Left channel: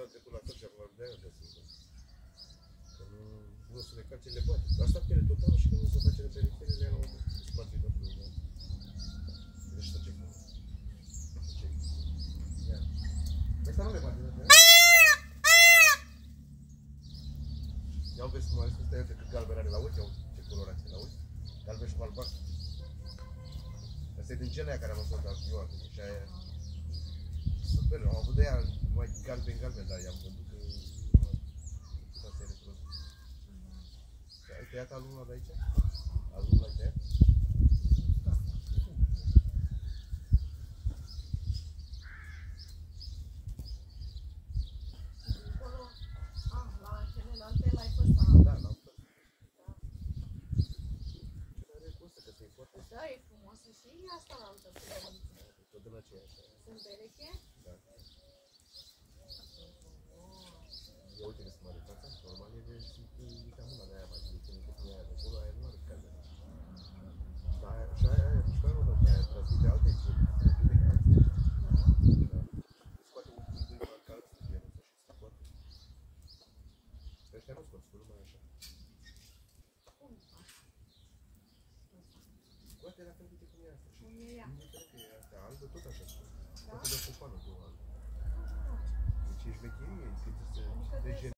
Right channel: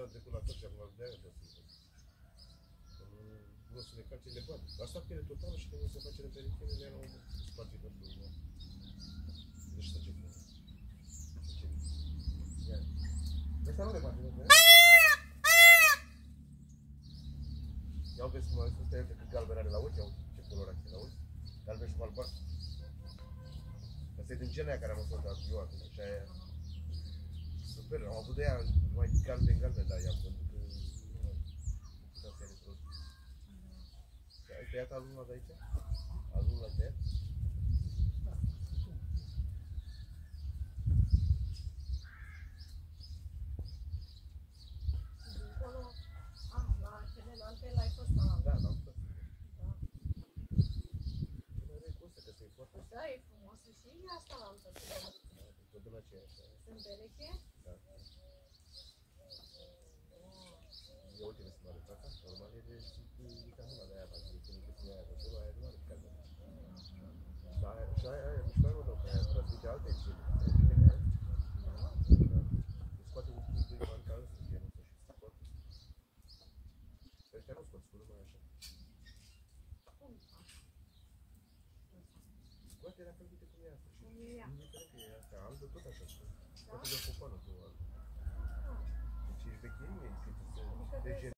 așa am trecut la tot și acum de-aia de să că nu o să le face, le poate. Asta pe ele tot au și când nu se face de perifere, le iau spate tot de unul. Deci să ce fac. Să ce. Ia. Asta nu le poate, nu? Ia vezi cum ai spus de cât galben are la uși, iau ce colorație la uși. Galben și cu albastru. Asta e din genea care am ascultat eu acum și aia. Super, am avut de aia mai galben, dar i-am vândut că nu putea să-i reproduc. Ai tăiat alunul de aici? Alunul l-ai tăiat? La celelalte l-ai fost la... Da, l-am fost. Ce mai are cu ăsta, că ți-i foarte... Da, e frumoasă și asta la altă. Tot din aceeași. Sunt bereche? Da. Ia uite că se mare fața, normal e de mica mâna de aia, mai zic, când e aia de acolo, aia nu are calme. Dar și aia mișcare nu dă, aia transmite alte gene, transmite alte. Se scoate un pic de marca ăsta, genul ăsta și se scoate. Ăștia nu scoți, că numai așa. Scoate la fel de cum e asta și indiferent că e asta albă, tot așa scoate. Scoate de cupanul cu albă. Deci ești vecherie, cât să...